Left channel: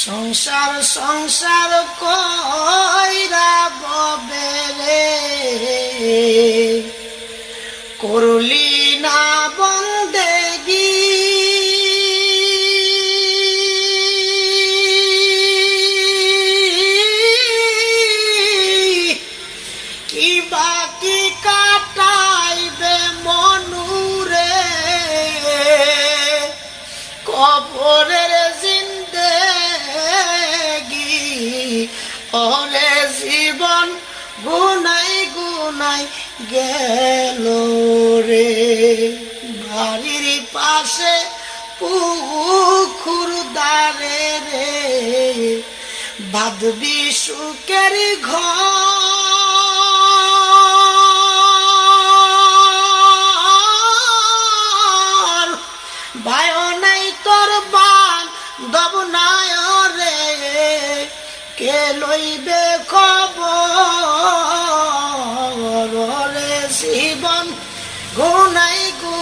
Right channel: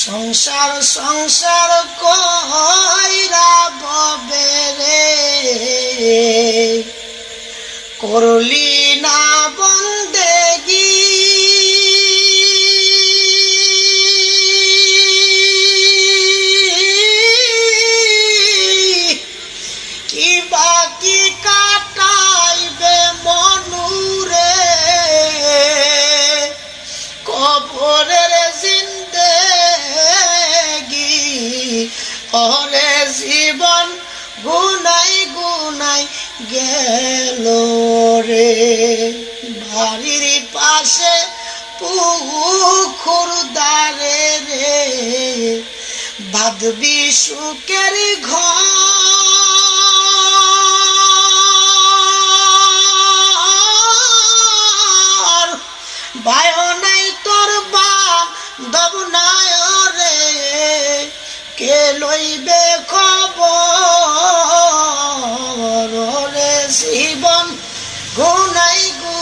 সংসার সংসার কইরা ববে রে, করলি না বন্দেগি। কি বাকি কাটাইবে মনুরে, কবরের জিন্দেগি। ওরে জীবন গুনাই গুনাই গেল রে, বাড়ির পাশে পুকুর দারে রে, বাঁধবি সুখের ঘর। ভাই নাই তোর বান্ধব নাই রে, কে লইবে খবর রে, জীবন গুনাই গুনাই